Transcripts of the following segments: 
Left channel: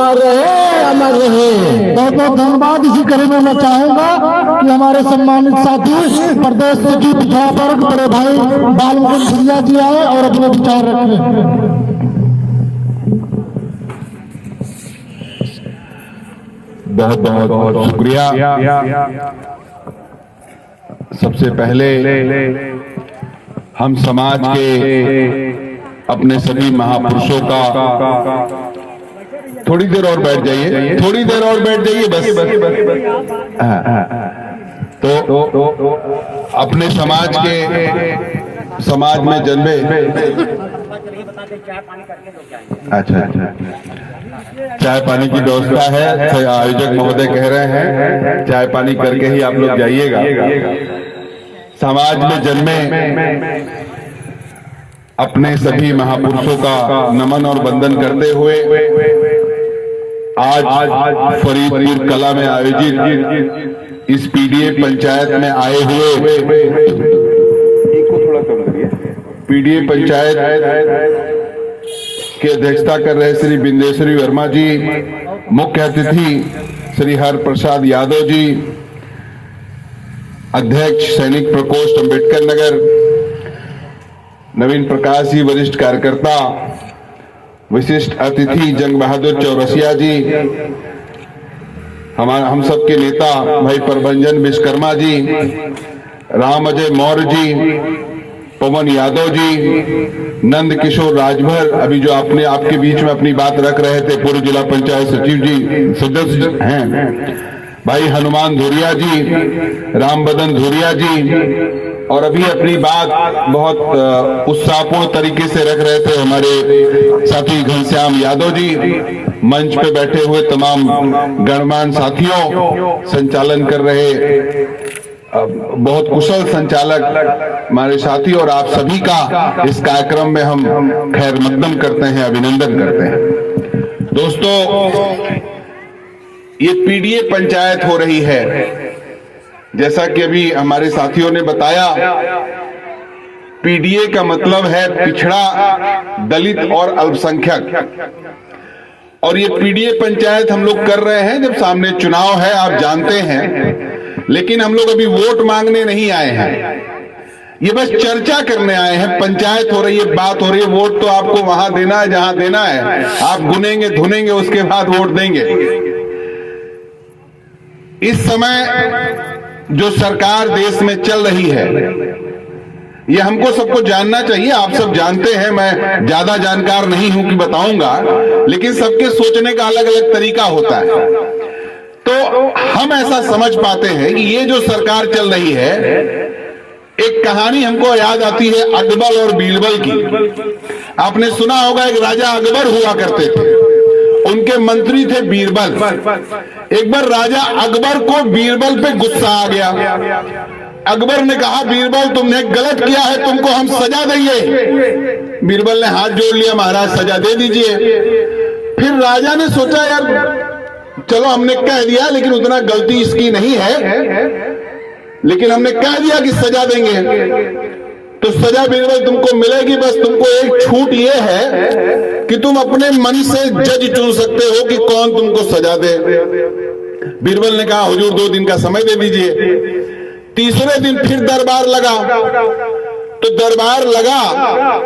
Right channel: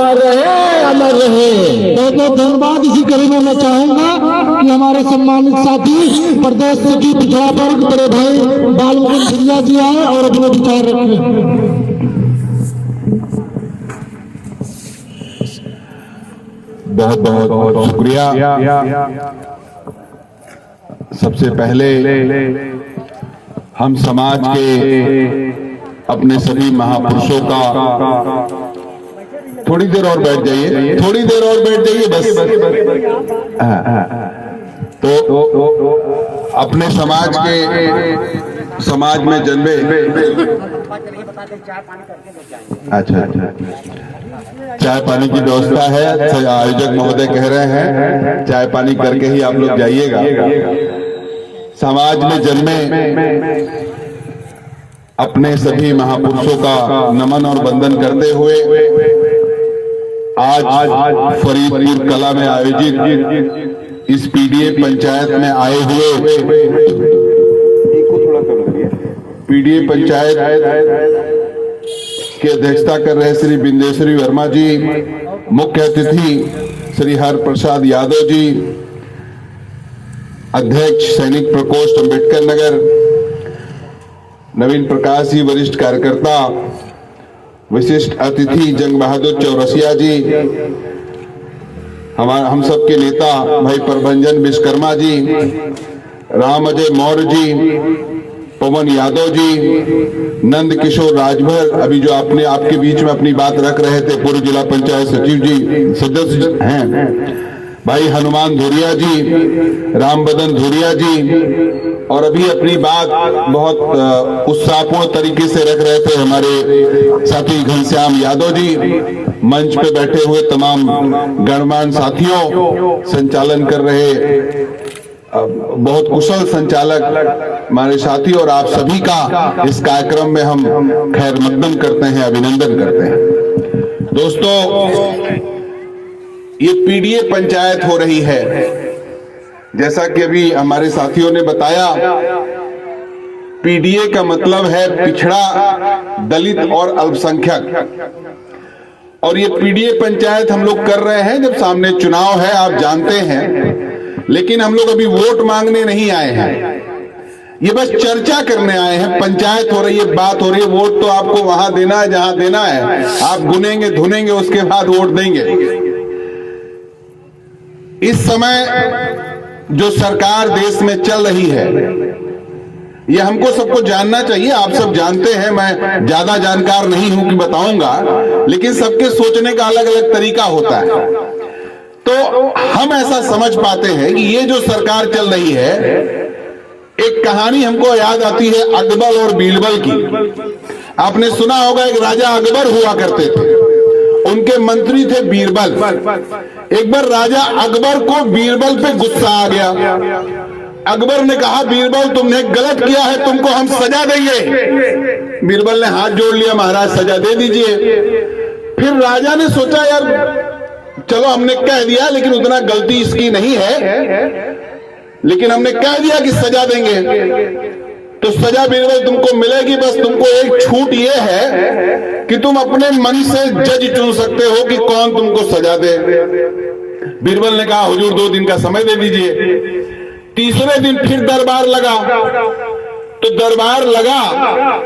अमर रहे, अमर रहे। बहुत बहुत धन्यवाद। इसी कड़ी में मैं चाहूंगा कि हमारे सम्मानित साथी प्रदेश सचिव पिछड़ा वर्ग बड़े भाई बालमुकुंद सिंधिया जी आए और अपने विचार रखें। बहुत बहुत शुक्रिया। सबसे पहले हम समाज के अपने सभी महापुरुषों का, थोड़ी देर और बैठ जाइए, थोड़ी देर और बैठ जाइए बस। तो अपने समाज में जन्मे, अच्छा चाय पानी की व्यवस्था है, आयोजक महोदय कह रहे हैं चाय पानी करके ही आप लोग जाइएगा। समाज में जन्मे अपने सभी महापुरुषों का नमन और वंदन करते हुए आज फरीदपुर कला में आयोजित इस पीडीए पंचायत में आए हुए, पीडीए पंचायत की अध्यक्षता कर रहे श्री बिंदेश्वरी वर्मा जी, मुख्य अतिथि श्री हर प्रसाद यादव जी, अध्यक्ष सैनिक प्रकोष्ठ अम्बेडकर नगर, नवीन प्रकाश जी वरिष्ठ कार्यकर्ता, विशिष्ट अतिथि जंग बहादुर चौरसिया जी, हम सबके नेता भाई प्रभंजन विश्वकर्मा जी, राम अजय मौर्य जी, पवन यादव जी, नंद किशोर राजभर, अभी जो आपके बीच में अपनी बात रख रहे थे पूर्व जिला पंचायत सचिव जी सदस्य हैं, भाई हनुमान धुरिया जी, राम बदन धुरिया जी, और अभी अपनी बात बहुत उत्साहपूर्ण तरीके से रख रहे थे हमारे साथी घनश्याम यादव जी, मंच पे बैठे हुए तमाम गणमान्य साथियों, संचालन कर रहे बहुत कुशल संचालक हमारे साथी, और आप सभी का इस कार्यक्रम में हम खैर मकदम करते हैं, अभिनंदन करते हैं। दोस्तों, ये पीडीए पंचायत हो रही है, जैसा कि अभी हमारे साथियों ने बताया। पीडीए का मतलब है पिछड़ा, दलित और अल्पसंख्यक, और ये पीडीए पंचायत हम लोग कर रहे हैं जब सामने चुनाव है, आप जानते हैं, लेकिन हम लोग अभी वोट मांगने नहीं आए हैं, ये बस चर्चा करने आए हैं। पंचायत हो रही है, बात हो रही है, वोट तो आपको वहां देना है जहां देना है, आप गुनेंगे धुनेंगे उसके बाद वोट देंगे। इस समय जो सरकार देश में चल रही है, ये हमको सबको जानना चाहिए। आप सब जानते हैं, मैं ज्यादा जानकार नहीं हूं कि बताऊंगा, लेकिन सबके सोचने का अलग अलग तरीका होता है। तो हम ऐसा समझ पाते हैं कि ये जो सरकार चल रही है, एक कहानी हमको याद आती है अकबर और बीरबल की। आपने सुना होगा, एक राजा अकबर हुआ करते थे, उनके मंत्री थे बीरबल। एक बार राजा अकबर को बीरबल पे गुस्सा आ गया। अकबर ने कहा, बीरबल तुमने गलत किया है, तुमको हम सजा देंगे। बीरबल ने हाथ जोड़ लिया, महाराज सजा दे दीजिए। फिर राजा ने सोचा, यार चलो हमने कह दिया, लेकिन उतना गलती इसकी नहीं है, लेकिन हमने कह दिया कि सजा देंगे, तो सजा बीरबल तुमको मिलेगी। बस तुमको एक छूट ये है कि तुम अपने मन से जज चुन सकते हो कि कौन तुमको सजा दे। बीरबल ने कहा, हुजूर 2 दिन का समय दे दीजिए। तीसरे दिन फिर दरबार लगा, तो दरबार लगा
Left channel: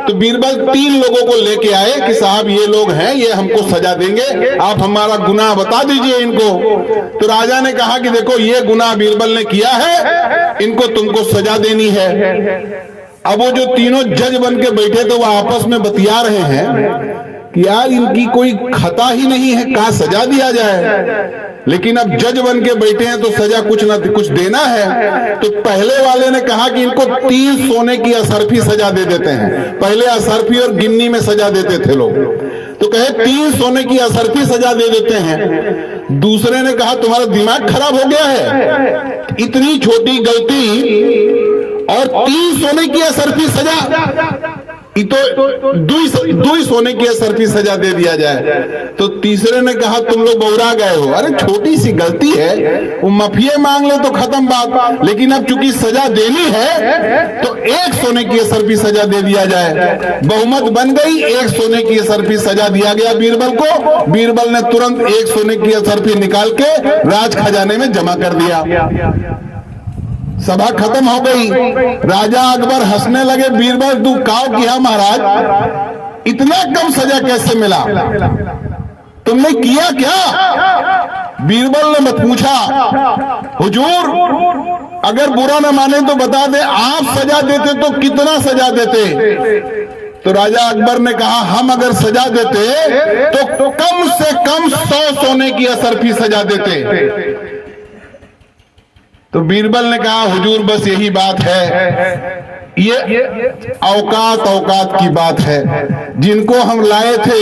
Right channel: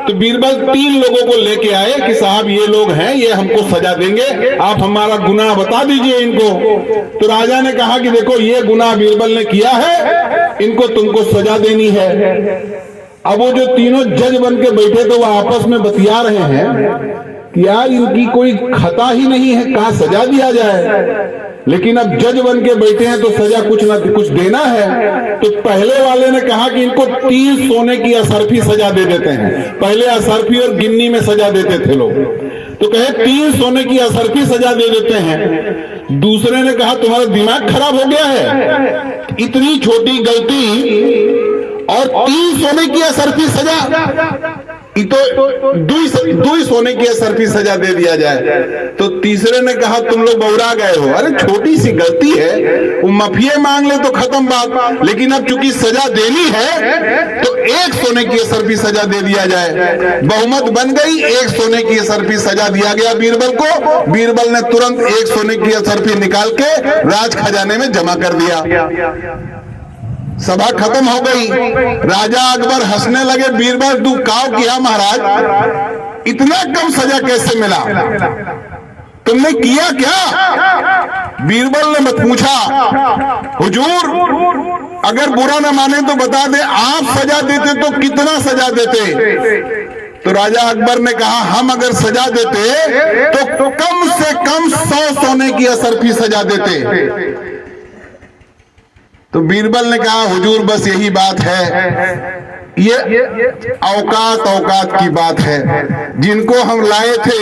तो बीरबल 3 लोगों को लेके आए कि साहब ये लोग हैं, ये हमको सजा देंगे, आप हमारा गुनाह बता दीजिए इनको। तो राजा ने कहा कि देखो, ये गुनाह बीरबल ने किया है, इनको तुमको सजा देनी है। अब वो जो तीनों जज बन के बैठे थे, वो आपस में बतिया रहे हैं कि यार इनकी कोई खता ही नहीं है, कहाँ सजा दिया जाए। लेकिन अब जज बन के बैठे हैं तो सजा कुछ ना कुछ देना है। तो पहले वाले ने कहा कि इनको 3 सोने की असरफी सजा दे देते हैं। पहले असरफी और गिन्नी में सजा देते थे लोग, तो कहे 3 सोने की असरफी सजा दे देते हैं। दूसरे ने कहा, तुम्हारा दिमाग खराब हो गया है, इतनी छोटी गलती और 3 सोने की असरफी सजा। तो दुई सोने की असरफी सजा दे दिया जाए। तो तीसरे ने कहा तुम लोग बौरा गए हो, अरे छोटी सी गलती है, वो माफिया मांग ले तो खत्म बात, लेकिन अब चूंकि सजा देनी है तो 1 सोने की असरफी सजा दे दिया जाए। बहुमत बन गई, 1 सोने की असरफी सजा दिया गया बीरबल को। बीरबल ने तुरंत 1 सोने की असरफी निकाल के राज खजाने में जमा कर दिया। सभा खत्म हो गई। राजा अकबर हंसने लगे, बीरबल तू काव किया महाराज, इतना कम सजा कैसे मिला, तुमने किया क्या? बीरबल ने मत पूछा, हुजूर अगर बुरा न माने तो बता दे, आप सजा देते तो कितना सजा देते? तो राजा अकबर ने कहा हम अगर सजा देते तो कम से कम 100 सोने की असरफी सजा देते। तो बीरबल ने कहा हुजूर बस यही बात है, ये औकात की बात है। जिनको हम लाए थे,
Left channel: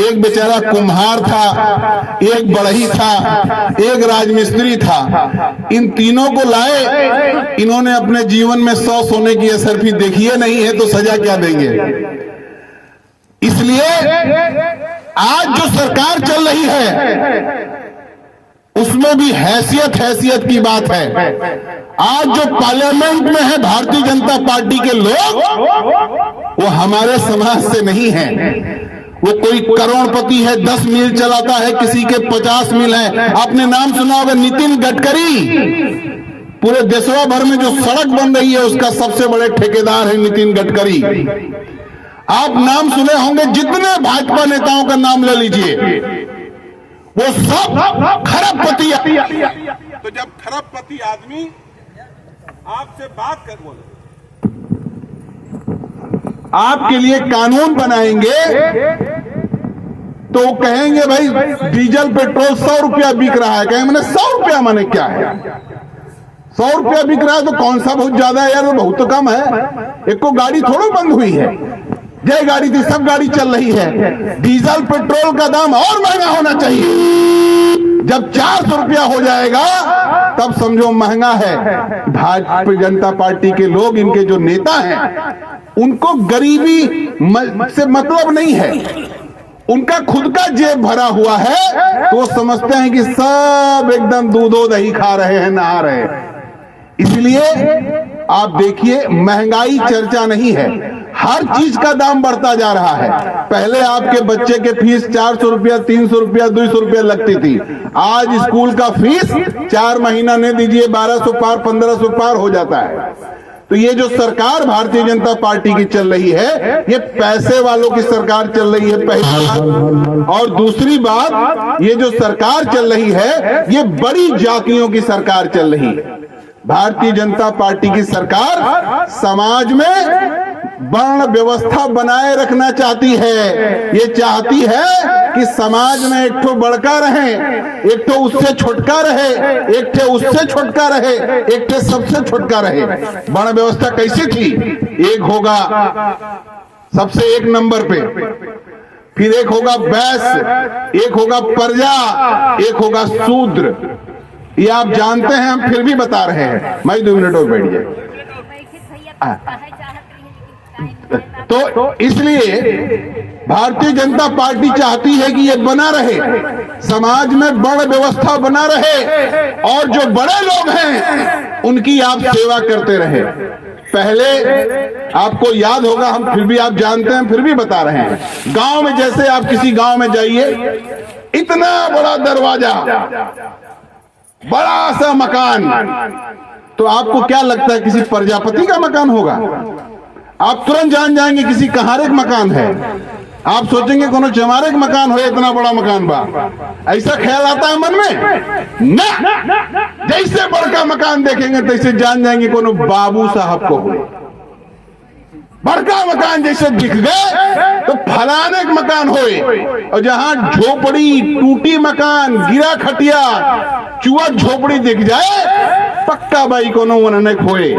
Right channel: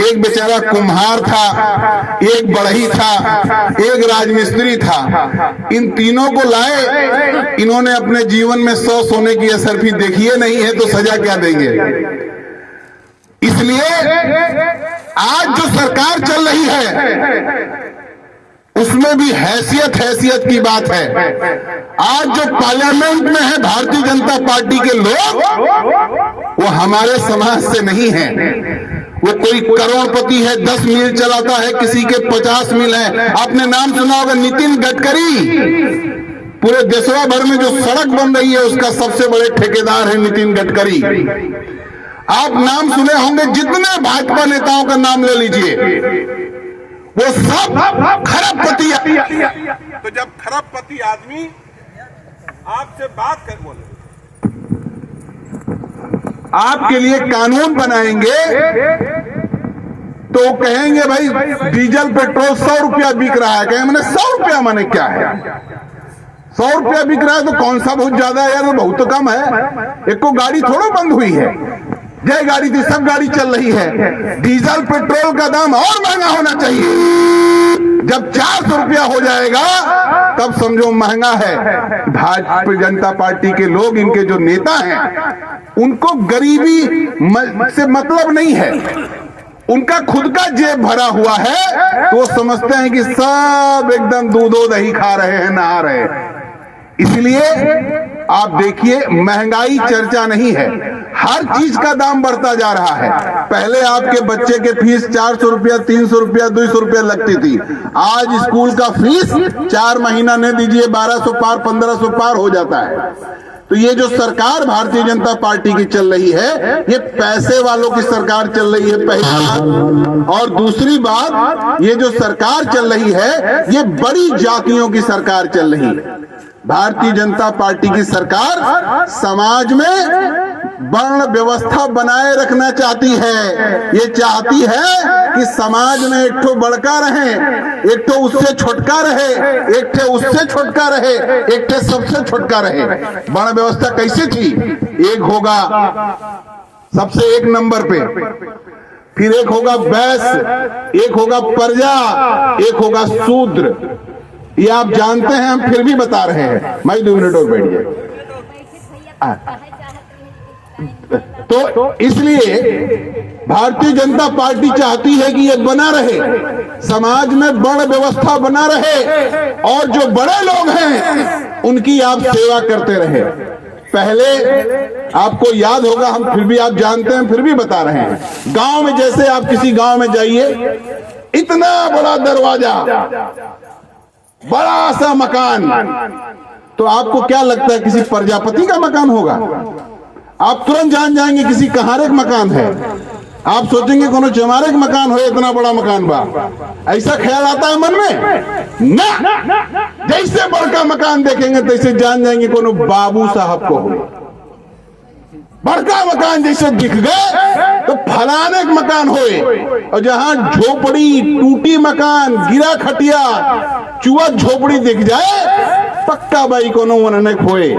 एक बेचारा कुम्हार था, एक बढ़ई था, एक राजमिस्त्री था, इन तीनों को लाए, इन्होंने अपने जीवन में 100 सोने की असरफी देखी है नहीं है, तो सजा क्या देंगे? इसलिए आज जो सरकार चल रही है उसमें भी हैसियत की बात है। आज जो पार्लियामेंट में है भारतीय जनता पार्टी के लोग, वो हमारे समाज से नहीं है। वो कोई करोड़पति है, 10 मिल चलाता है, किसी के 50 मिल है। आपने नाम सुना होगा नितिन गडकरी, पूरे देशवा भर में जो सड़क बन रही है उसका सबसे बड़े ठेकेदार है नितिन गडकरी। आप नाम सुने होंगे, जितने भाजपा नेताओं का नाम ले लीजिए, वो सब खरबपति। तो जब खरबपति आदमी आपसे बात कर बोले, आपके लिए कानून बनाएंगे तो कहेंगे भाई डीजल पेट्रोल 100 रुपया बिक रहा है, कहेंगे मैंने 100 रुपया माने क्या है? 100 रुपया बिक रहा है तो कौन सा बहुत ज्यादा है यार, बहुत तो कम है। एक को गाड़ी थोड़ा बंद हुई है, जय गाड़ी थी, सब गाड़ी चल रही है। डीजल पेट्रोल का दाम और महंगा होना चाहिए। जब 400 रुपया हो जाएगा तब समझो महंगा है। भारतीय जनता पार्टी के लोग, इनके जो नेता हैं, उनको गरीबी से मतलब नहीं है, उनका खुद का जेब भरा हुआ है, तो वो समझते हैं कि सब एकदम दूधो दही खा रहे हैं, नहा रहे हैं। इसलिए आप देखिए, महंगाई चर्चा नहीं है, हर चीज का दाम बढ़ता जा रहा है। पहले आपके बच्चे के फीस 400 रुपया, 300 रुपया, 200 रुपया लगती थी, आज स्कूल का फीस 4 महीना नहीं दीजिए 1200 पार, 1500 पार हो जाता है। तो ये जो सरकार भारतीय जनता पार्टी की चल रही है, ये पैसे वालों की सरकार चल रही है, पहली बात। और दूसरी बात, ये जो सरकार चल रही है, ये बड़ी जातियों की सरकार चल रही है। भारतीय जनता पार्टी की सरकार समाज में वर्ण व्यवस्था बनाए रखना चाहती है। ये चाहती है कि समाज में एक ठो बड़का रहे, एक ठो उससे छोटका रहे, एक ठे उससे छोटका रहे, एक ठे सबसे छोटका रहे। वर्ण व्यवस्था कैसी थी? एक होगा सबसे 1 नंबर पे, फिर एक होगा वैश्य, एक होगा प्रजा, एक होगा शूद्र। ये आप जानते हैं, हम फिर भी बता रहे हैं। मैं 2 मिनट और बैठ जाए। तो इसलिए भारतीय जनता पार्टी चाहती है कि ये बना रहे, समाज में वर्ण व्यवस्था बना रहे, और जो बड़े लोग हैं उनकी आप सेवा करते रहे। पहले आपको याद होगा, हम फिर भी आप जानते हैं, फिर भी बता रहे हैं। गांव में, जैसे आप किसी गांव में जाइए, इतना बड़ा दरवाजा, बड़ा सा मकान, तो आपको क्या लगता है किसी प्रजापति का मकान होगा? आप तुरंत जान जाएंगे किसी कहारे का मकान है। आप सोचेंगे कोनो चमारे का मकान हो, इतना बड़ा मकान बा, ऐसा ख्याल आता है मन में ना। जैसे बड़का मकान देखेंगे तैसे जान जाएंगे कोनो बाबू साहब को हो। बड़का मकान जैसे दिख गए तो फलाने का मकान होए, और जहां झोपड़ी, टूटी मकान, गिरा खटिया, चुआ झोपड़ी दिख जाए, पक्का भाई कोनो वनने खोए,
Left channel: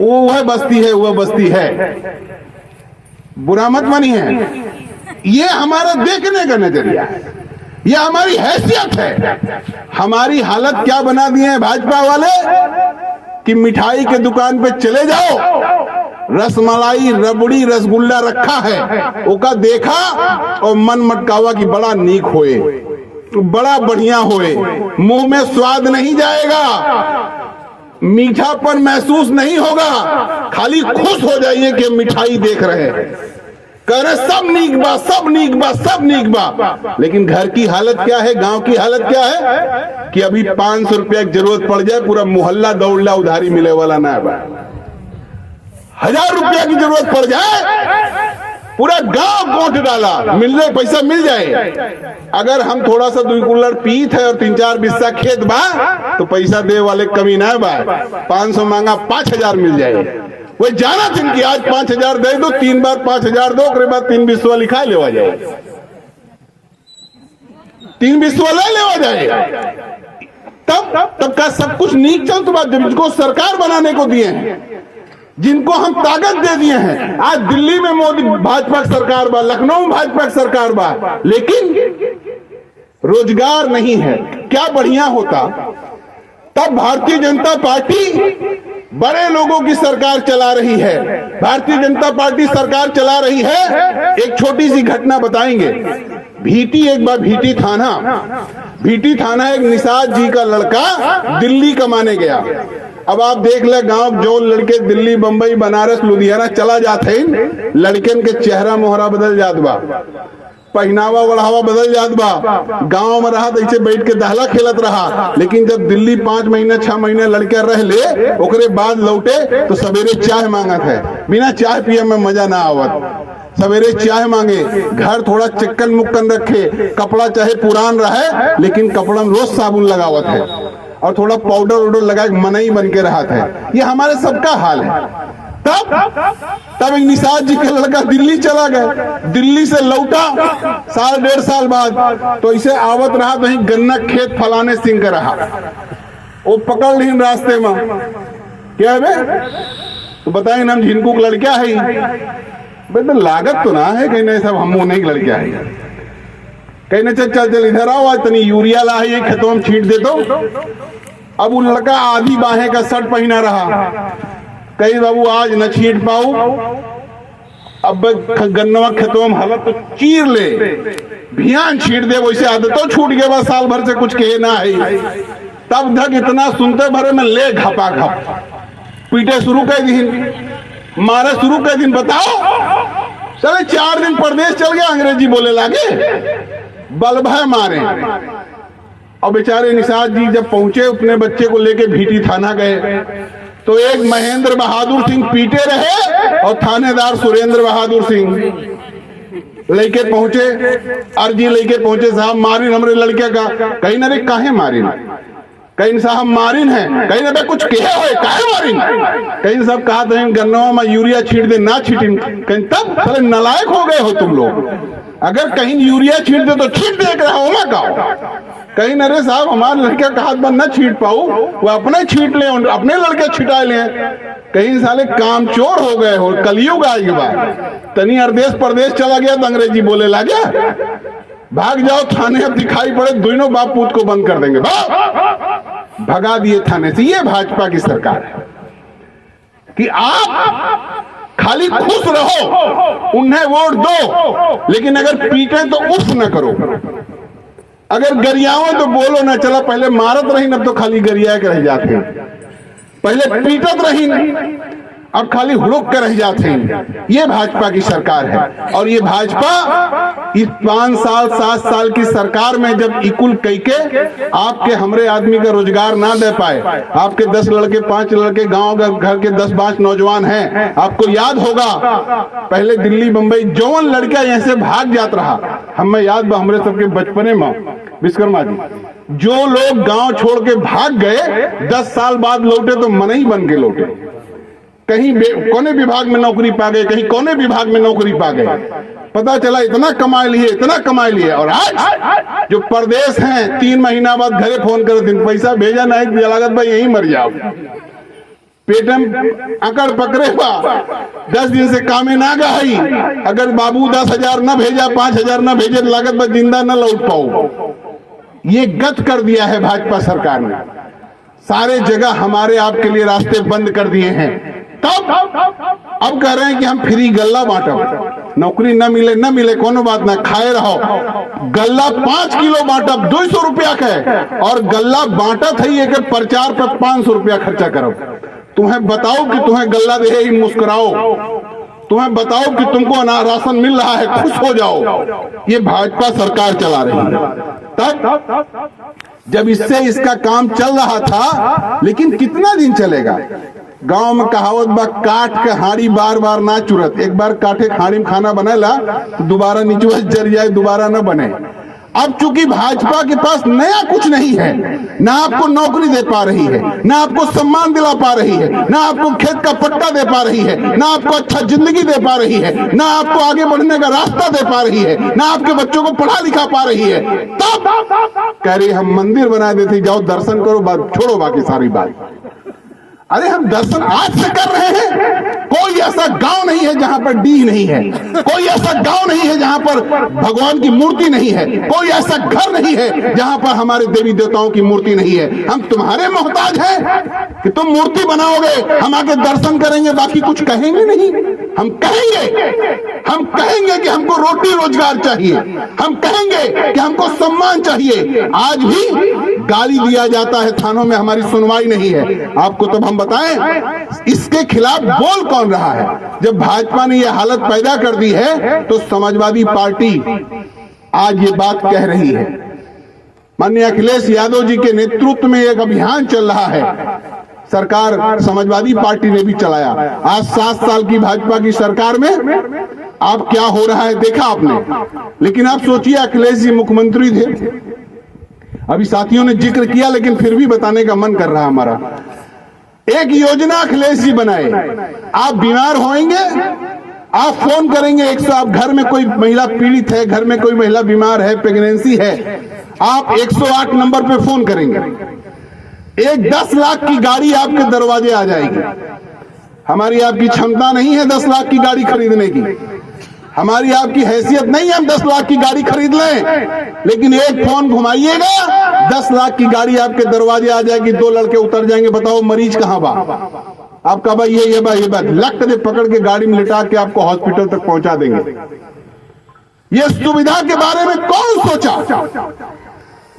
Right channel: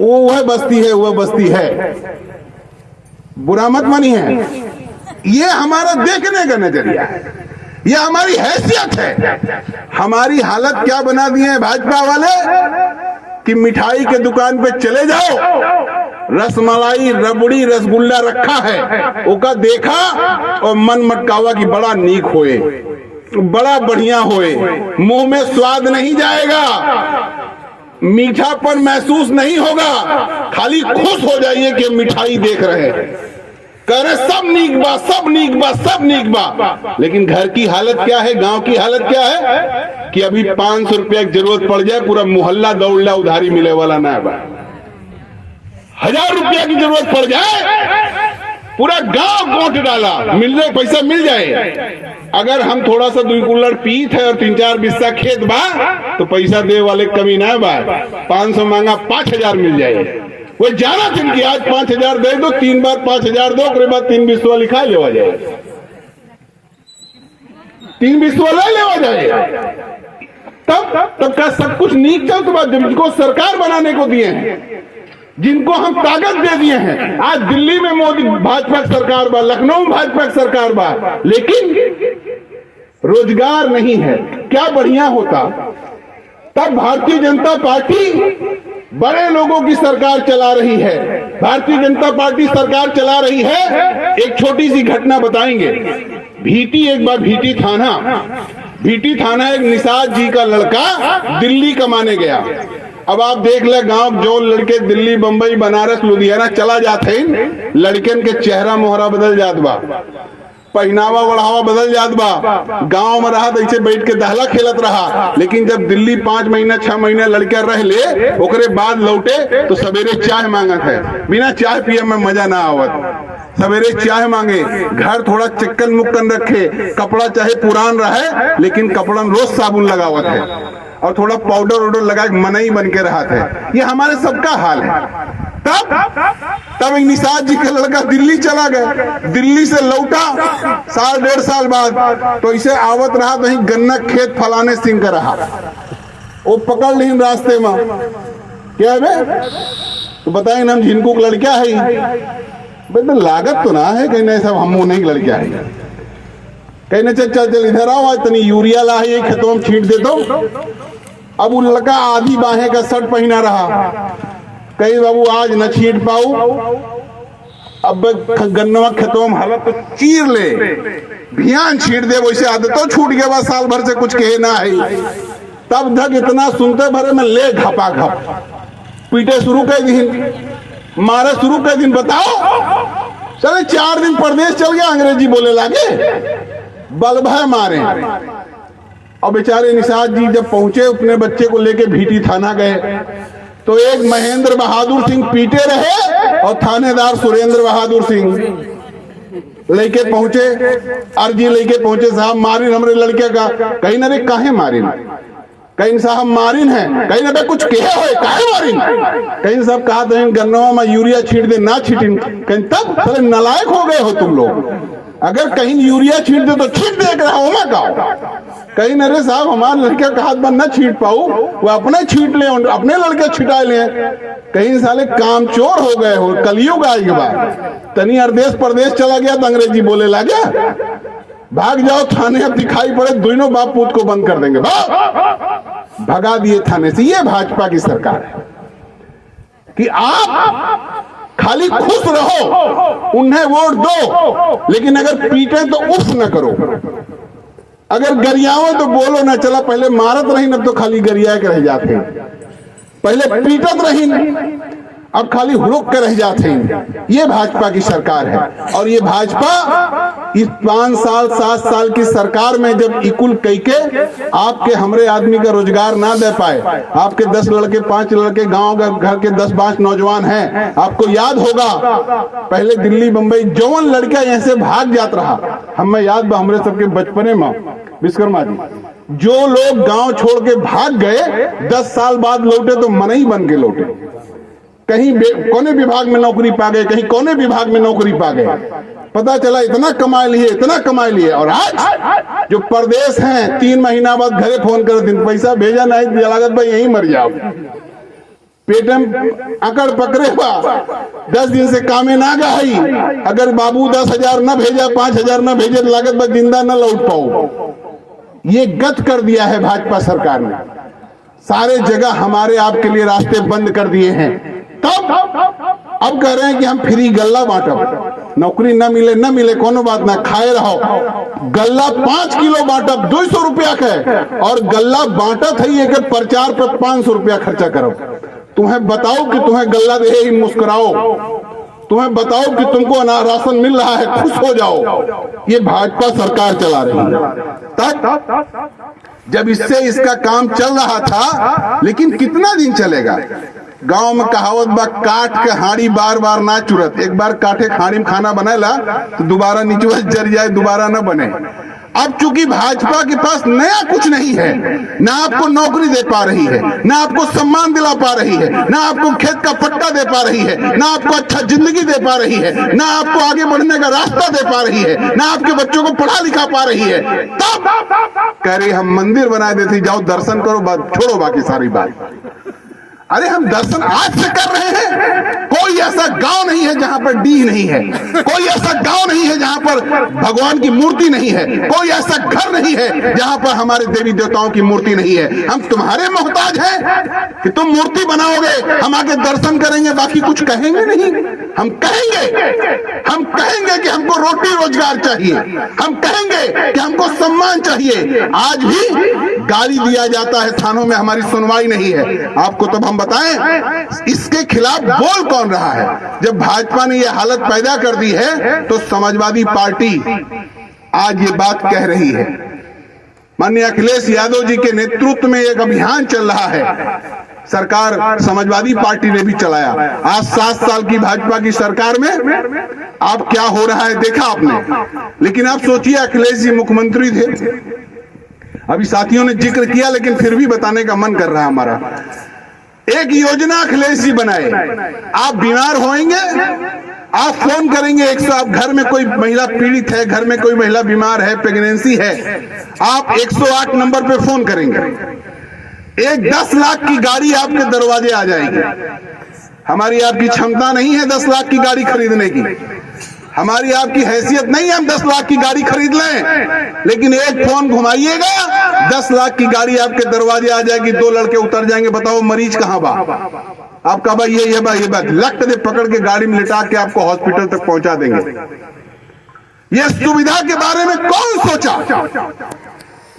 वह बस्ती है, वह बस्ती है। बुरा मत मानिए, ये हमारा देखने का नजरिया है, ये हमारी हैसियत है। हमारी हालत क्या बना दिए हैं भाजपा वाले कि मिठाई के दुकान पे चले जाओ, रसमलाई, रबड़ी, रसगुल्ला रखा है, ओका देखा और मन मटकावा कि बड़ा नीक होए, बड़ा बढ़िया होए, मुंह में स्वाद नहीं जाएगा, मीठापन महसूस नहीं होगा, खाली खुश हो जाइए कि मिठाई देख रहे हैं, कह रहे सब नीक बा, सब नीक बा, सब नीक बा। लेकिन घर की हालत क्या है, गांव की हालत क्या है कि अभी 500 रुपया की जरूरत पड़ जाए पूरा मोहल्ला दौड़ला उधारी मिले वाला ना बा। 1000 रुपया की जरूरत पड़ जाए पूरा गांव गोट डाला, मिलने पैसा मिल जाए। अगर हम थोड़ा सा 2 कुल्लड़ पीत है और 3-4 बिस्सा खेत बा तो पैसा दे वाले कमी ना बा, 500 मांगा 5000 मिल जाए। वो जाना था कि आज 5000 दे दो, 3 बार 5000 दो, उसके बाद 3 बिस्वा लिखा लेवा जाए, 3 बिस्वा लेवा जाए। तब का सब कुछ नीक चल तो बात, जिनको सरकार बनाने को दिए हैं, जिनको हम ताकत दे दिए हैं। आज दिल्ली में मोदी भाजपा की सरकार बा, लखनऊ में भाजपा की सरकार बा, लेकिन रोजगार नहीं है। क्या बढ़िया होता तब भारतीय जनता पार्टी बड़े लोगों की सरकार चला रही है, भारतीय जनता पार्टी सरकार चला रही है। एक छोटी सी घटना बताएंगे। एक बार भीटी थाना एक निषाद जी का लड़का दिल्ली कमाने गया। अब आप देख ले, गांव जो लड़के दिल्ली, बंबई, बनारस, लुधियाना चला जाते हैं, लड़कन के चेहरा मोहरा बदल जात बा, पहनावा बढ़ावा बदल जात बा। गांव में रहा तो ऐसे बैठ के दहला खेलत रहा, लेकिन जब दिल्ली 5 महीने 6 महीने लड़का रह ले, ओकरे बाद लौटे तो सवेरे चाय मांगत है, बिना चाय पिए में मजा ना आवत। सवेरे चाय मांगे, घर थोड़ा चिक्कन मुक्कन रखे, कपड़ा चाहे पुरान रहे लेकिन कपड़ा में रोज साबुन लगावत है, और थोड़ा पाउडर वाउडर लगा के मनई बन के रहा था। ये हमारे सबका हाल है। तब एक निषाद जी का लड़का दिल्ली चला गया, दिल्ली से लौटा 1.5 साल बाद, तो इसे आवत रहा तो गन्ना खेत फलाने सिंह का रहा, वो पकड़ ली रास्ते में। क्या है तो बताएंगे ना, हम झिनकू का लड़का है, बेटा लागत तो ना है, कहीं नहीं सब हम नहीं लड़का है, कहीं ना चल इधर आओ, आज तनी यूरिया ला है, खेतों में छींट दे दो। अब वो लड़का आधी बाहें का शर्ट पहना रहा, कहीं बाबू आज न छींट पाऊ, अब गन्नवा खेतों में हालत तो चीर ले, भियान छींट दे, वैसे आदतों छूट गया बा, साल भर से कुछ कहे ना है। तब धक इतना सुनते भरे में ले घपा घप पीटे शुरू कर दिन, मारे शुरू कर दिन। बताओ चले 4 दिन प्रदेश चल गया, अंग्रेजी बोले लागे, बलभय मारे। और बेचारे निषाद जी जब पहुंचे, अपने बच्चे को लेके भीटी थाना गए, तो एक महेंद्र बहादुर सिंह पीटे रहे और थानेदार सुरेंद्र बहादुर सिंह लेके पहुंचे, अर्जी लेके पहुंचे, साहब मारिन हमरे लड़के का। कहीं ना रे काहे मारिन, कहीं साहब मारिन है, कहीं ना कुछ कहे हो काहे मारिन, कहीं साहब कहा तो गन्नवा में यूरिया छीट दे, ना छीटिन, कहीं तब सारे नालायक हो गए हो तुम लोग। अगर कहीं यूरिया छीट दे तो छीट देख रहा हो, मैं कहा कहीं न रे साहब हमारे लड़के का हाथ बंद न छीट पाऊ, वो अपने छीट ले, अपने लड़के छिटा ले, कहीं साले काम चोर हो गए हो। कलयुग आएगी बात, तनी अरदेश प्रदेश चला गया तो अंग्रेजी बोले लगे, भाग जाओ थाने, अब दिखाई पड़े दोनों बाप पूत को बंद कर देंगे, भगा दिए थाने से। ये भाजपा की सरकार है कि आप खाली खुश रहो, उन्हें वोट दो, लेकिन अगर पीटे तो उफ न करो, अगर गरियाओ तो बोलो ना। चला पहले मारत रही, अब तो खाली गरिया के रह जाते, पहले पीटत रही, अब खाली हुड़क कर रह जाते हैं। ये भाजपा की सरकार है। और ये भाजपा इस 5 साल 7 साल की सरकार में जब इकुल कैके आपके हमरे आदमी का रोजगार ना दे पाए, आपके 10 लड़के 5 लड़के गांव घर के 10-5 नौजवान हैं, आपको याद होगा पहले दिल्ली बंबई जौन लड़का यहाँ से भाग जात रहा, हमें याद बा हमरे सबके बचपने में विश्वकर्मा जी, जो लोग गांव छोड़ के भाग गए 10 साल बाद लौटे तो मनई बन के लौटे, कहीं कोने विभाग में नौकरी पा गए, कहीं कोने विभाग में नौकरी पा गए, पता चला इतना कमा लिए, इतना कमा लिए। और आज जो प्रदेश हैं 3 महीना बाद घरे फोन कर दिन पैसा भेजा नहीं, लागत भाई यही मर जाओ, पेटम अकड़ पकड़े बा, 10 दिन से कामे ना गई, अगर बाबू 10,000 न भेजा, 5,000 न भेजे, लागत भाई जिंदा न लौट पाओ। ये गत कर दिया है भाजपा सरकार ने, सारे जगह हमारे आपके लिए रास्ते बंद कर दिए हैं। तब अब कह रहे हैं कि हम फ्री गल्ला बांटब, नौकरी न मिले कोनो बात ना, खाए रहो। गल्ला 5 किलो बांटब 200 रुपया के, और गल्ला बांटा थी के प्रचार पर 500 रुपया खर्चा करब। तुम्हें बताओ कि तुम्हें गल्ला दे ही मुस्कुराओ, तुम्हें बताओ कि तुमको राशन मिल रहा है, खुश हो जाओ। ये भाजपा सरकार चला रही है। तब जब इससे इसका काम चल रहा था, लेकिन कितना दिन चलेगा? गांव में कहावत बा, काट के हाड़ी बार बार ना चुरत। एक बार काटे हाड़ी में खाना बनेला तो दोबारा नीचे जर जाए, दोबारा न बने। अब चूंकि भाजपा के पास नया कुछ नहीं है, ना आपको नौकरी दे पा रही है, ना आपको सम्मान दिला पा रही है, ना आपको खेत का पट्टा दे पा रही है, ना आपको अच्छा जिंदगी दे पा रही है, ना आपको आगे बढ़ने का रास्ता दे पा रही है, ना आपके बच्चों को पढ़ा लिखा पा रही है, तब कह रही हम मंदिर बना देते, जाओ दर्शन करो, छोड़ो बाकी सारी बात। अरे हम दर्शन आज से कर रहे हैं। कोई ऐसा गांव नहीं है जहां पर डीह नहीं है, कोई ऐसा गांव नहीं है जहां पर भगवान की मूर्ति नहीं है, कोई ऐसा घर नहीं है जहां पर हमारे देवी देवताओं की मूर्ति नहीं है। हम तुम्हारे मोहताज हैं कि तुम मूर्ति बनाओगे, हम आके दर्शन करेंगे, बाकी कुछ कहेंगे नहीं। हम कहेंगे कि हमको रोटी रोजगार चाहिए, हम कहेंगे कि हमको सम्मान चाहिए। आज भी गाली दिया जाता है थानों में, हमारी सुनवाई नहीं है। आपको तब हम बताएं इसके खिलाफ बोल कौन रहा है? जब भाजपा ने यह हालत पैदा कर दी है तो समाजवादी पार्टी आज ये बात कह रही है। माननीय अखिलेश यादव जी के नेतृत्व में एक अभियान चल रहा है, सरकार समाजवादी पार्टी ने भी चलाया। आज 7 साल की भाजपा की सरकार में अब क्या हो रहा है देखा आपने। लेकिन आप सोचिए, अखिलेश जी मुख्यमंत्री थे, अभी साथियों ने जिक्र किया लेकिन फिर भी बताने का मन कर रहा है हमारा। एक योजना अखिलेश जी बनाए, आप बीमार होंगे, आप फोन करेंगे 100, आप घर में कोई महिला पीड़ित है, घर में कोई महिला बीमार है, प्रेगनेंसी है, आप 108 नंबर पे फोन करेंगे, एक 10 लाख की गाड़ी आपके दरवाजे आ जाएगी। हमारी आपकी क्षमता नहीं है 10 लाख की गाड़ी खरीदने की, हमारी आपकी हैसियत नहीं है हम 10 लाख की गाड़ी खरीद लें, लेकिन एक फोन घुमाइएगा 10 लाख की गाड़ी आपके दरवाजे आ जाएगी, 2 लड़के उतर जाएंगे, बताओ मरीज कहां बा? आपका भाई ये बात लक दे पकड़ के गाड़ी में लिटा के आपको हॉस्पिटल तक पहुंचा देंगे। ये सुविधा के बारे में कौन सोचा?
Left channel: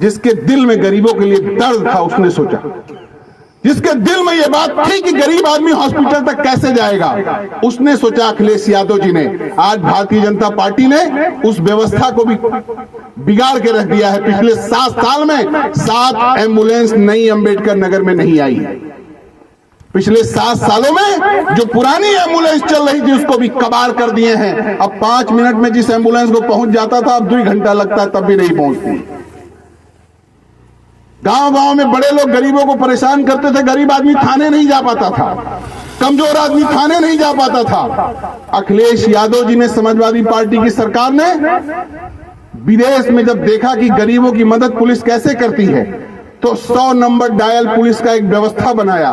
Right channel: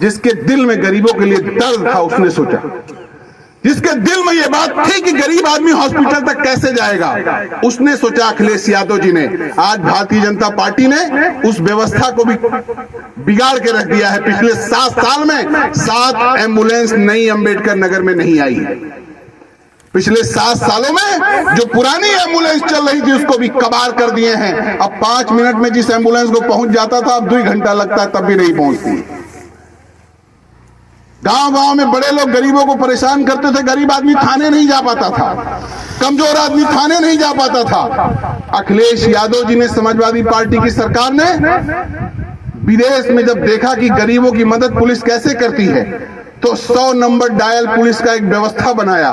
जिसके दिल में गरीबों के लिए दर्द था उसने सोचा, जिसके दिल में यह बात थी कि गरीब आदमी हॉस्पिटल तक कैसे जाएगा, उसने सोचा अखिलेश यादव जी ने। आज भारतीय जनता पार्टी ने उस व्यवस्था को भी बिगाड़ के रख दिया है। पिछले 7 साल में 7 एम्बुलेंस नई अंबेडकर नगर में नहीं आई है। पिछले 7 सालों में जो पुरानी एम्बुलेंस चल रही थी उसको भी कबाड़ कर दिए हैं। अब 5 मिनट में जिस एम्बुलेंस को पहुंच जाता था अब 2 घंटा लगता है, तब भी नहीं पहुंचती। गांव-गांव में बड़े लोग गरीबों को परेशान करते थे, गरीब आदमी थाने नहीं जा पाता था, कमजोर आदमी थाने नहीं जा पाता था। अखिलेश यादव जी ने, समाजवादी पार्टी की सरकार ने विदेश में जब देखा कि गरीबों की मदद पुलिस कैसे करती है तो 100 नंबर डायल पुलिस का एक व्यवस्था बनाया।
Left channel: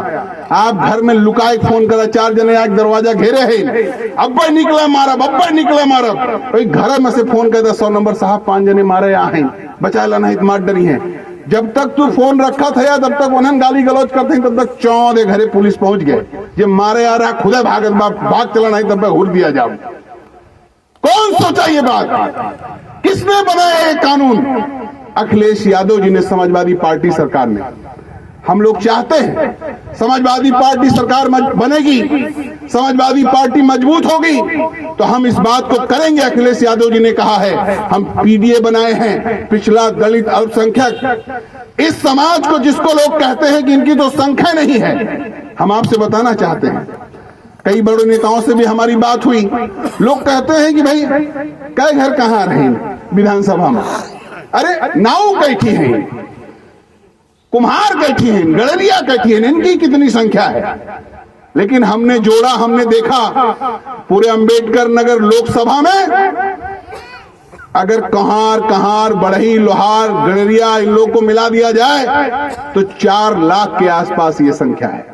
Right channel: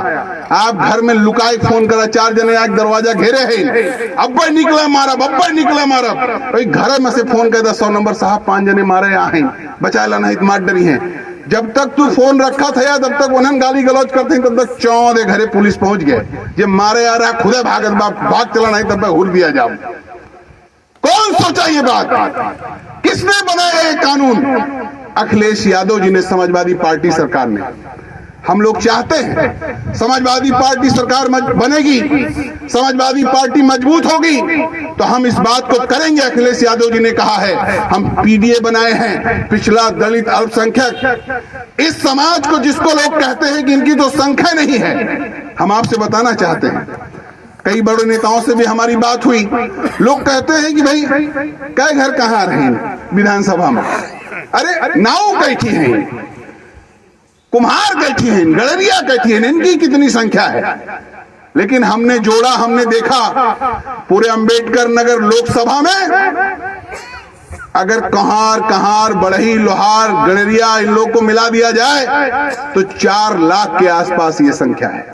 आप घर में लुकाए फोन करा, 4 जने आज दरवाजा घेरे है, अब्बर निकला मारब, अब्बर निकला मारब, भाई घर में से फोन करता 100 नंबर साहब 5 जने मारे आहे, बचाएला नहीं तो मार डरी है। जब तक तू फोन रखा था तब तक उन्हें गाली गलौज करते हैं, तब तक चौदे घरे पुलिस पहुंच गए। जब मारे आ रहा खुदा भागत भाग चला नहीं तब तक हुल दिया जाओ। कौन सोचा ये बात? किसने बनाया ये कानून? अखिलेश यादव जी ने, समाजवादी पार्टी सरकार ने। हम लोग चाहते हैं समाजवादी पार्टी सरकार बनेगी, समाजवादी पार्टी मजबूत होगी तो हम इस बात को करेंगे। अखिलेश यादव जी ने कहा है हम पीडीए बनाए हैं, पिछड़ा, दलित, अल्पसंख्यक, इस समाज को जिसको लोग कहते हैं कि इनकी तो संख्या नहीं है। हम आपसे बताना चाहते हैं, कई बड़े नेताओं से भी हमारी बात हुई, लोग कहते हैं कि भाई कई घर कहाँ रहे विधानसभा में, अरे नाव बैठी है, कुम्हार बैठी हैं, गड़रिया बैठी हैं, इनकी कितनी संख्या है? लेकिन हमने जोड़ा, हमने देखा पूरे अंबेडकर नगर लोकसभा में अगर कहार, बढ़ई, लोहार, गड़रिया इन लोग को मिला दिया जाए तो 4 लाख के आसपास ये संख्या है।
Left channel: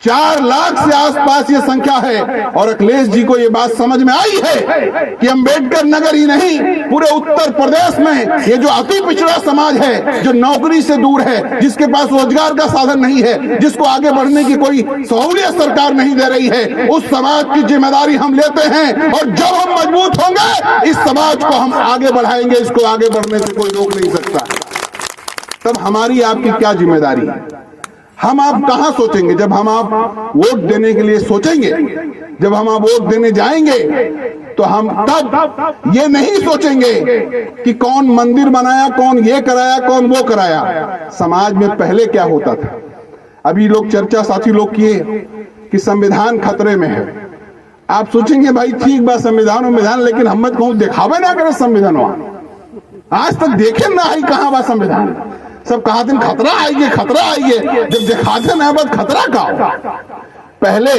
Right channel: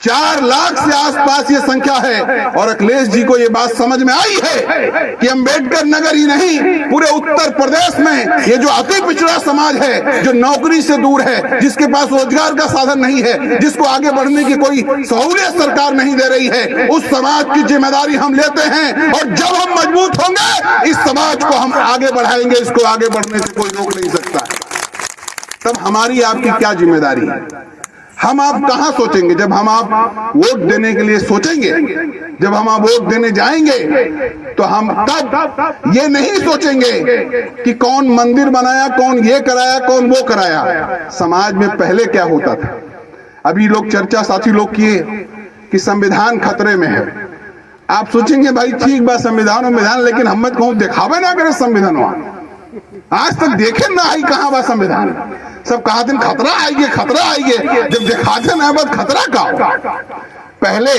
4 लाख से आसपास ये संख्या है। और अखिलेश जी को ये बात समझ में आई है कि अंबेडकर नगर ही नहीं, पूरे उत्तर प्रदेश में ये जो अति पिछड़ा समाज है, जो नौकरी से दूर है, जिसके पास रोजगार का साधन नहीं है, जिसको आगे बढ़ने की कोई सहूलियत सरकार नहीं दे रही है, उस समाज की जिम्मेदारी हम लेते हैं। और जब हम मजबूत होंगे, इस समाज को हम आगे बढ़ाएंगे, इसको आगे बढ़ने से कोई रोक नहीं सकता। तब हमारी आपकी क्या जिम्मेदारी है? हम आप कहां सोचेंगे? जब हम आप वोट देने के लिए सोचेंगे, जब हम आप वोट देने जाएंगे, तो हम तब ये नहीं सोचेंगे कि कौन मंदिर बनाया, कौन ये कराया, कौन वो कराया। समाज में पहले क्या होता था? अभी लोग चर्चा साथी लोग किए कि संविधान खतरे में है। आप सोचेंगे भाई ठीक बात, संविधान, लेकिन हम मत कहूं दिखावे ना करे संविधान। आज तक देखे ना आई कहां बा संविधान। सब कहा दिन खतरा आएगी, खतरा आएगी, जब दिखाते ना बात खतरा का। पहले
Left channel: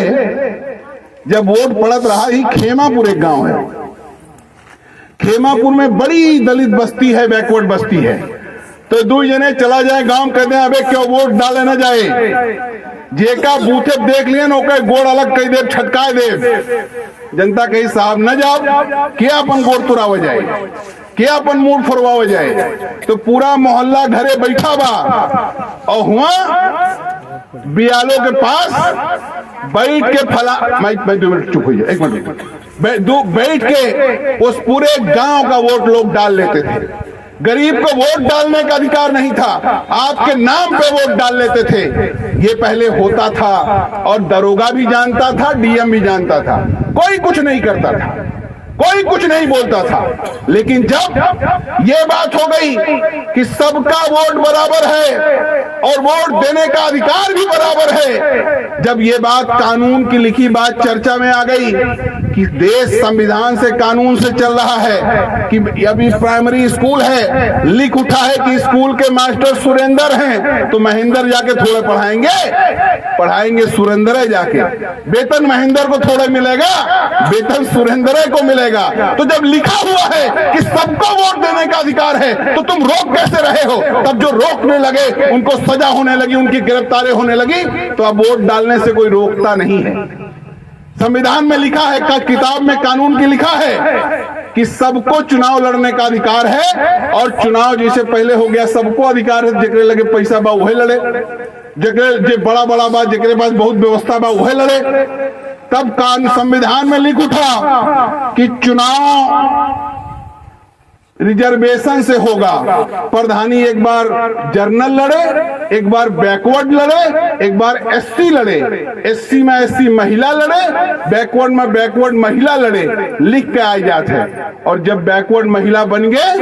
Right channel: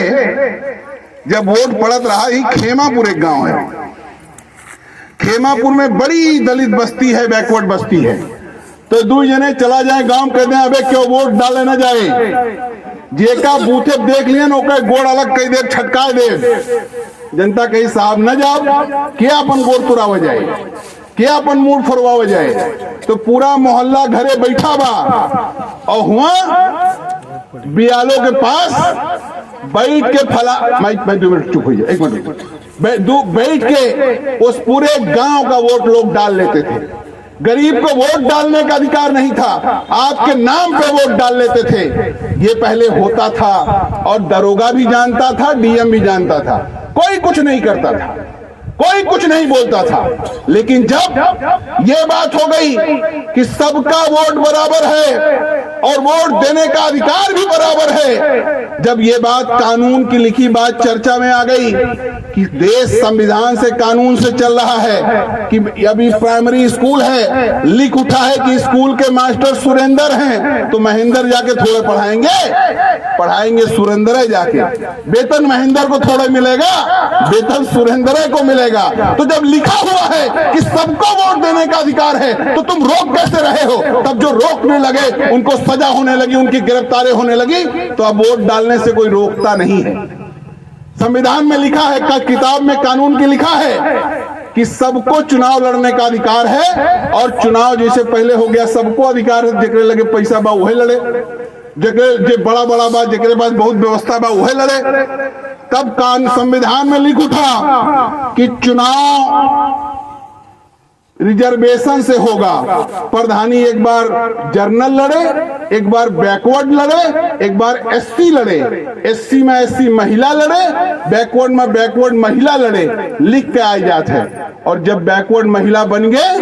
जब वोट पड़त रहा, ही खेमापुर एक गांव है, खेमापुर में बड़ी दलित बस्ती है, बैकवर्ड बस्ती है। तो 2 जने चला जाए गांव, कहते हैं अबे क्यों वोट डाले न जाए, जेका बूथे देख लिया ओके गोड़ अलग कही दे, छटकाए दे। जनता कही साहब न जाओ, क्या अपन गोड़ तुराव जाए, क्या अपन मूड फरवाव जाए। तो पूरा मोहल्ला घरे बैठा बा, और हुआ बियालो के पास बैठ के माइक 2 मिनट चुप हो जाए, 1 मिनट बैठ के उस पूरे गांव का वोट लोग डाल लेते थे। गरीब को वोट डालने का अधिकार नहीं था, आपके नाम पे वोट डाल लेते थे। ये पहले होता था, और दरोगा भी जानता था, डीएम भी जानता था, कोई कुछ नहीं करता था, कोई कुछ नहीं बोलता था। लेकिन जब ये बात हो गई कि सबका वोट बराबर है और वोट देने का अधिकार भी बराबर है, जब ये बात कानून की लिखी बात चर्चा में आ गई कि देश संविधान से, कानून से चल रहा है, कि अभी प्राइमरी स्कूल है, लिख उठा है कि स्कूल के मास्टर सुरेंद्र हैं, तो महेंद्र जाके थोड़े पढ़ाएंगे सुरेंद्र जाके, वेतन महेंद्र को थोड़ा मिलेगा, वेतन सुरेंद्र को मिलेगा। तो जब लिखा हुआ है कि सबको वोट देने का अधिकार है, तो तुम रोक कैसे रहे हो? तब जो रोकने लगे उनको सजा होने लगी, उनकी गिरफ्तारी होने लगी, तो अब वोट डालने से कोई रोकता नहीं है। संविधान में लिखा है, किताब में कानून की लिखा है कि सबको चुनाव लड़ने का अधिकार है, और चुनाव जैसे पहले हो गया सबको अधिकार है, जेकरे लगे पैसा बा वही लड़े, जे बड़ा बा जेकरे पास बहुत व्यवस्था बा वही लड़े। तब संविधान में लिख उठा कि चुनाव रिजर्वेशन से होगा। प्रधानी एक बार जनरल लड़े, एक बार बैकवर्ड लड़े, एक बार एससी लड़े, एससी में एससी महिला लड़े, बैकवर्ड में बैकवर्ड महिला लड़े, लिख के आए जाते हैं। और जब बैकवर्ड महिला बन गए,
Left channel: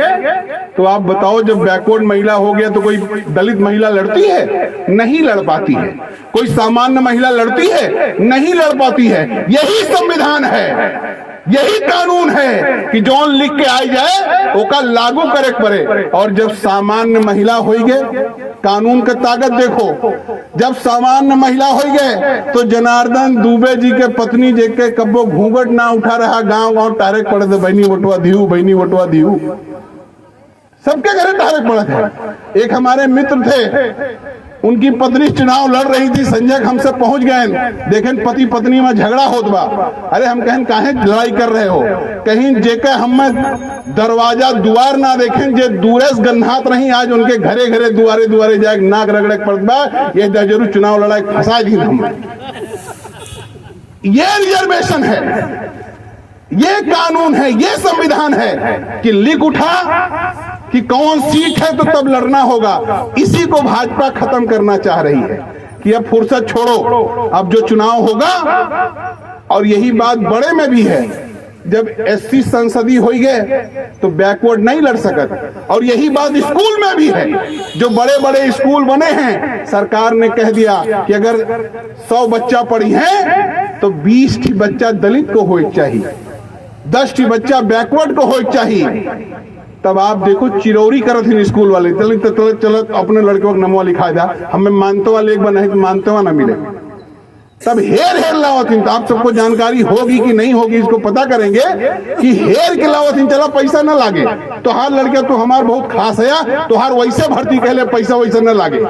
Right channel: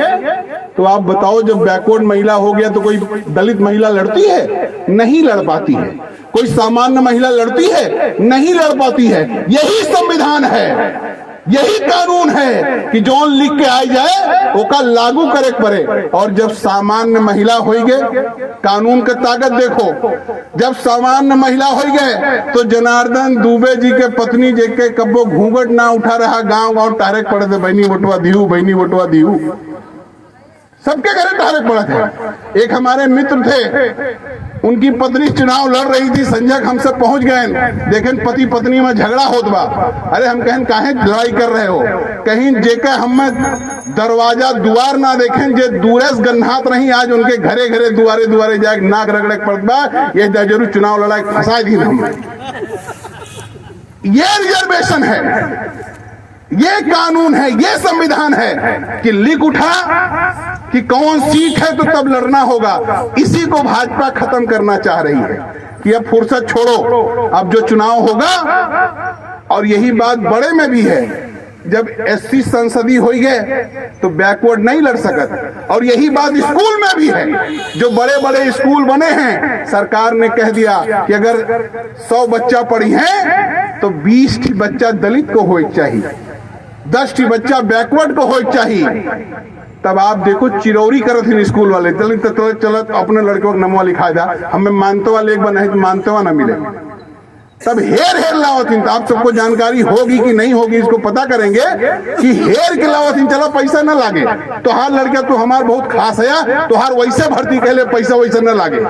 तो आप बताओ जब बैकवर्ड महिला हो गया तो कोई दलित महिला लड़ती है? नहीं लड़ पाती है। कोई सामान्य महिला लड़ती है? नहीं लड़ पाती है। यही संविधान है, यही कानून है कि जो लिख के आ जाए ओका लागू करे पड़े। और जब सामान्य महिला हो गए, कानून के ताकत देखो, जब सामान्य महिला हो गए तो जनार्दन दुबे जी के पत्नी जेके कब्बो घूंघट ना उठा रहा, गांव गांव तारे पड़े थे, बहनी वटवा दिहू, बहनी वटवा दिहू, सबके घरे तारे पड़े थे। एक हमारे मित्र थे, उनकी पत्नी चुनाव लड़ रही थी, संजय हमसे पहुंच गए, देखें पति पत्नी में झगड़ा होत बा। अरे हम कहें काहे लड़ाई कर रहे हो? कहीं जेके हम दरवाजा दुआर ना देखें, जे दूरेस गन्हात नहीं, आज उनके घरे घरे दुआरे दुआरे जाए नाक रगड़े पड़त बा, ये जरूर चुनाव लड़ाई फंसा दी हम। ये रिजर्वेशन है, ये कानून है, ये संविधान है कि लिख उठा कि कौन सीट है तो तब लड़ना होगा। इसी को भाजपा खत्म करना चाह रही है कि अब फुर्सत छोड़ो, अब जो चुनाव होगा। और यही बात बड़े में भी है, जब एससी संसदीय हो गए तो बैकवर्ड नहीं लड़ सकत। और यही बात स्कूल में भी है, जो बड़े बड़े स्कूल बने हैं, सरकार ने कह दिया कि अगर 100 बच्चा पढ़ी है तो 20 बच्चा दलित को हो चाहिए, 10 बच्चा बैकवर्ड को हो चाहिए। तब आप देखो चिरौरी करत ही स्कूल वाले, दलित चलत अपने लड़कों को नमवा लिखा था, हमें मानते वाले एक बना है तो मानते हुआ ना मिले, तब हेर लावतीन। तो आप सबको जानकारी होगी कि नहीं होगी, इसको पता करेंगे कि हेर के लावतीन, चला पैसा न लागे तो हार लड़के तो हमार बहुत खास है, तो हार वैसे भर्ती कहले पैसा वैसे न लागे।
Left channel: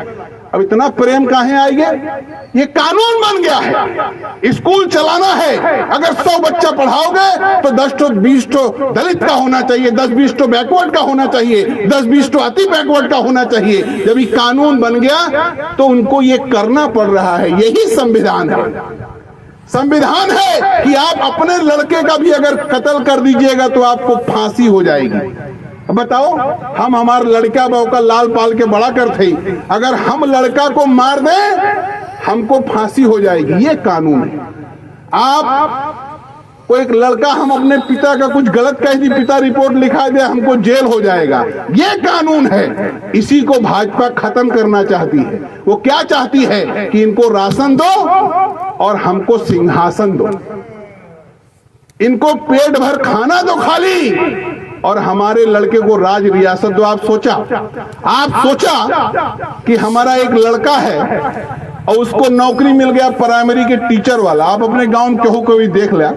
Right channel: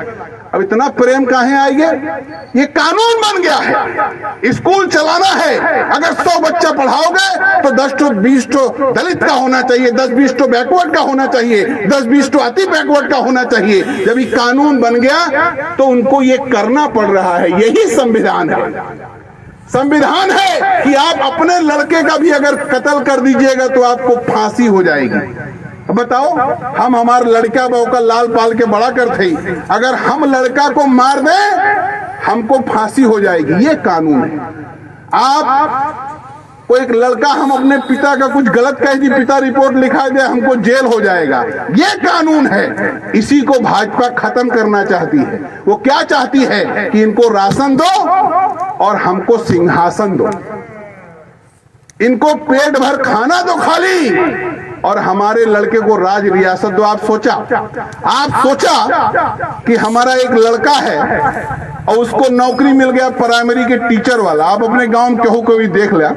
अब इतना प्रेम काहे आएंगे? ये कानून बन गया है, स्कूल चलाना है। अगर 100 बच्चा पढ़ाओगे तो 10 तो 20 तो दलित का होना चाहिए, 10-20 तो बैकवर्ड का होना चाहिए, 10-20 तो अति बैकवर्ड का होना चाहिए। जब ये कानून बन गया तो उनको ये करना पड़ रहा है। यही संविधान है। संविधान है कि आप अपने लड़के का भी अगर कत्ल कर दीजिएगा तो आपको फांसी हो जाएगी। अब बताओ, हम हमारे लड़का बहू का लाल पाल के बड़ा करते, अगर हम लड़का को मार दें हमको फांसी हो जाएगी। ये कानून है। आप कोई एक लड़का, हम अपने पिता का कुछ गलत कह दी, पिता रिपोर्ट लिखा दे, हमको जेल हो जाएगा। ये कानून है। इसी को भाजपा खत्म करना चाहती है। वो क्या चाहती है कि इनको राशन दो और हमको सिंहासन दो, इनको पेट भर खाना दो खाली, और हमारे लड़के को राज रियासत दो। आप सोचा कि हमारा एक लड़का है और उसको नौकरी मिल गया प्राइमरी के टीचर वाला। आप अपने गांव में केहू को भी देख लिया,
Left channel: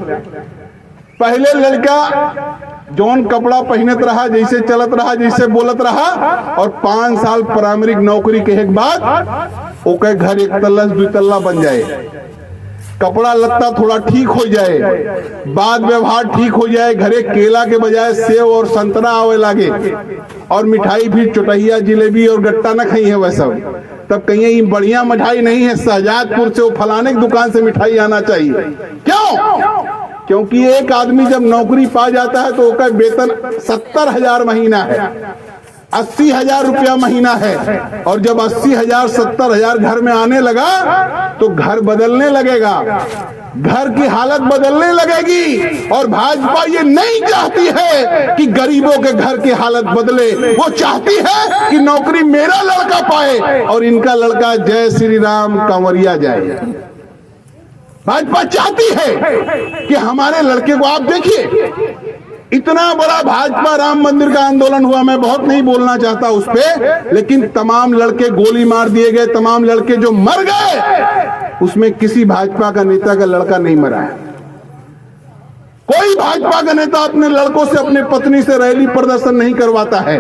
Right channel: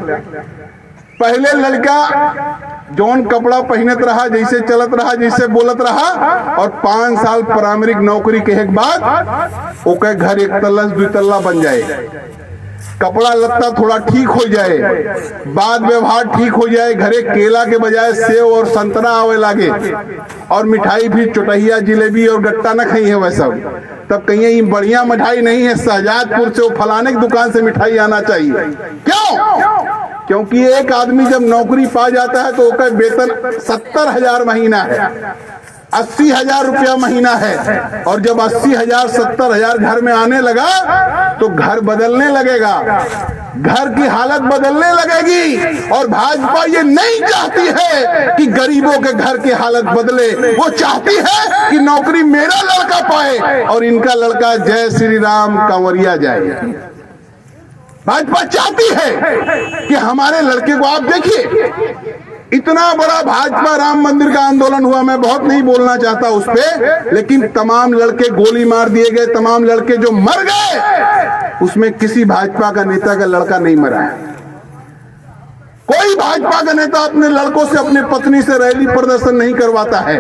पहले लड़का जौन कपड़ा पहनत रहा, जैसे चलत रहा, जैसे बोलत रहा, और 5 साल प्राइमरी नौकरी के बाद ओके घर 1 तल्ला 2 तल्ला बन जाए, कपड़ा लत्ता थोड़ा ठीक हो जाए, बात व्यवहार ठीक हो जाए, घरे केला के बजाय सेव और संतरा आवे लागे, और मिठाई भी चुटहिया जिलेबी और गट्टा न खाई है वैसा। तब कहीं बढ़िया मिठाई नहीं है, शहजादपुर से वो फलाने की दुकान से मिठाई आना चाहिए। क्यों? क्योंकि एक आदमी जब नौकरी पा जाता है तो उसका वेतन 70,000 महीना है, 80,000 रुपया महीना है, और जब 80,000 70,000 घर में आने लगा तो घर बदलने लगेगा, घर की हालत बदलने लगेगी। और भाजपा ये नहीं चाहती है कि गरीबों के घर की हालत बदले, वो चाहती है कि नौकरी मेरा लड़का पाए और इनका लड़का जय श्री राम कंवरिया जाए। भाजपा चाहती है कि हमारे लड़के को, आप देखिए इतना बड़ा भाजपा राम मंदिर का आंदोलन हुआ, मैं बहुत नहीं बोलना चाहता उस पे, लेकिन तमाम लड़के गोली मार दिए गए, तमाम लड़के जो मर गए उसमें किसी भाजपा का नेता का लड़का नहीं मरा है। कोई भाजपा का नेता अपने लड़कों से, अपने पत्नी से रैली प्रदर्शन नहीं करवाता है।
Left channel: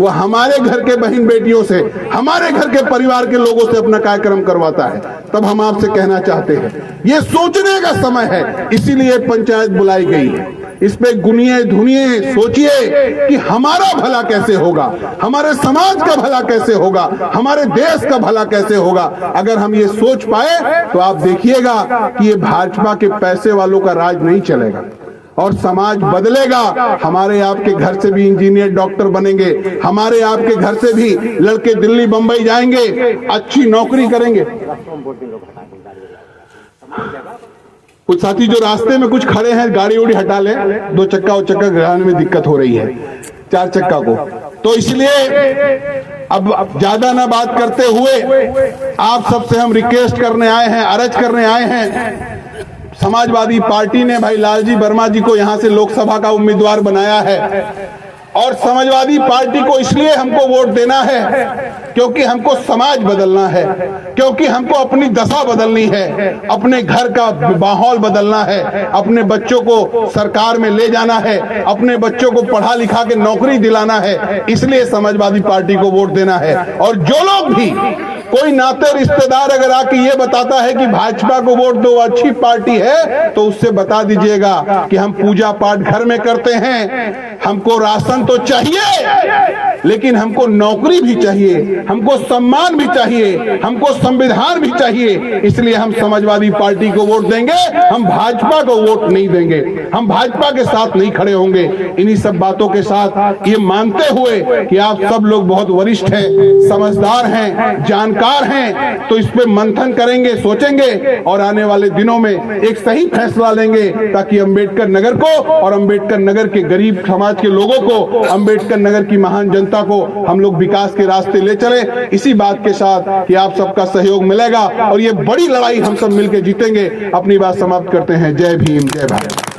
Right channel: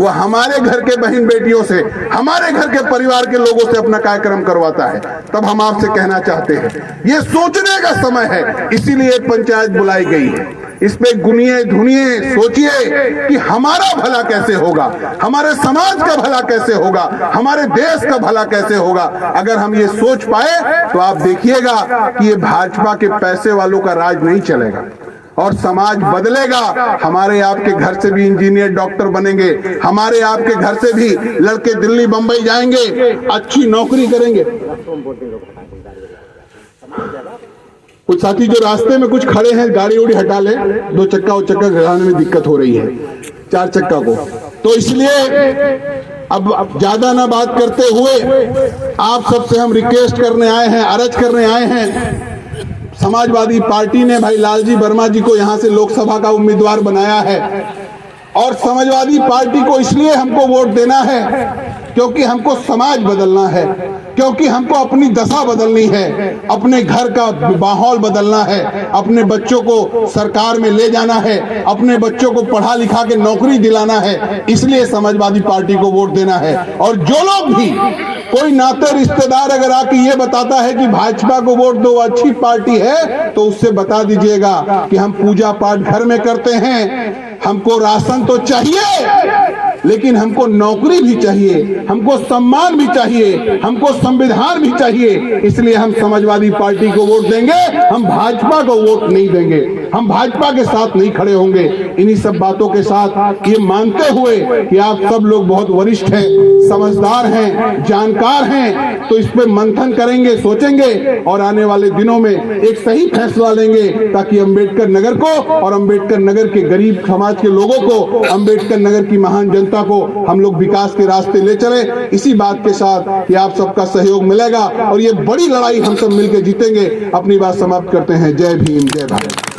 वो हमारे घर के बहन बेटियों से, हमारे घर के परिवार के लोगों से अपना कार्यक्रम करवाता है। तब हम आपसे कहना चाहते हैं, ये सोचने का समय है, इसीलिए पंचायत बुलाई गई है। इस पे गुनिए धुनिए सोचिए कि हमारा भला कैसे होगा, हमारे समाज का भला कैसे होगा, हमारे देश का भला कैसे होगा। अगर हम ये सोच पाए तो आप देखिएगा कि ये भाजपा के पैसे वालों का राज नहीं चलेगा और समाज बदलेगा। हमारे आपके घर से भी इंजीनियर डॉक्टर बनेंगे, हमारे आपके घर से भी लड़के दिल्ली बंबई जाएंगे, अच्छी नौकरी करेंगे। कुछ साथी जो रास्ते में कुछ खड़े हैं, गाड़ी उड़ी हटा ले, 2 चक्का और चक्का चलाने में दिक्कत हो रही है 4 चक्का को। तो इसलिए अब ज्यादा ना बात करते हुए आप सबसे हम रिक्वेस्ट करने आए हैं, अर्ज करने आए हैं। समाजवादी पार्टी ने भाई लालजी वर्मा जी को यहां से लोकसभा का उम्मीदवार बनाया है, और समाजवादी पार्टी को इसलिए हमको वोट देना है क्योंकि हमको समाज बदलना है, क्योंकि हमको अपनी दशा बदलनी है, अपने घर का माहौल बदलना है, अपने बच्चों को सरकार में ले जाना है, अपने बच्चों को पढ़ा लिखा के नौकरी दिलाना है। इसलिए समाजवादी पार्टी को वोट देना है। और जो लोग भी, कोई नाते रिश्तेदार अगर आके ये बताता है कि भाजपा को वोट दो, अच्छी पार्टी है, तो उससे बता दीजिएगा कि हम पूजा पाठ घर में करते हैं, हमको राशन तो चाहिए लेकिन हमको नौकरी भी चाहिए, हमको सम्मान भी चाहिए, हमको संविधान भी चाहिए। इसलिए हम समाजवादी पार्टी को वोट देंगे, हम भाजपा को वोट नहीं देंगे, हम भाजपा के साथ नहीं खड़े होंगे। इन्हीं सब बातों के साथ ये मानते हुए कि आप सब लोग बहुत वरिष्ठ हैं, समझदार हैं, जानकार हैं, तो इस पे मंथन करेंगे, सोचेंगे और आने वाले दिनों में एक सही फैसला लेंगे, ताकि अंबेडकर नगर को और अंबेडकर नगर के गरीब समाज के लोगों को, अंबेडकर नगर की महान जनता को हम लोग विकास के रास्ते ले चले। इसी बात के साथ कि आप सबका सहयोग मिलेगा और ये बड़ी लड़ाई हम सब मिलकर जीतेंगे। अपनी बात समाप्त करते हैं। जय भीम, जय भारत।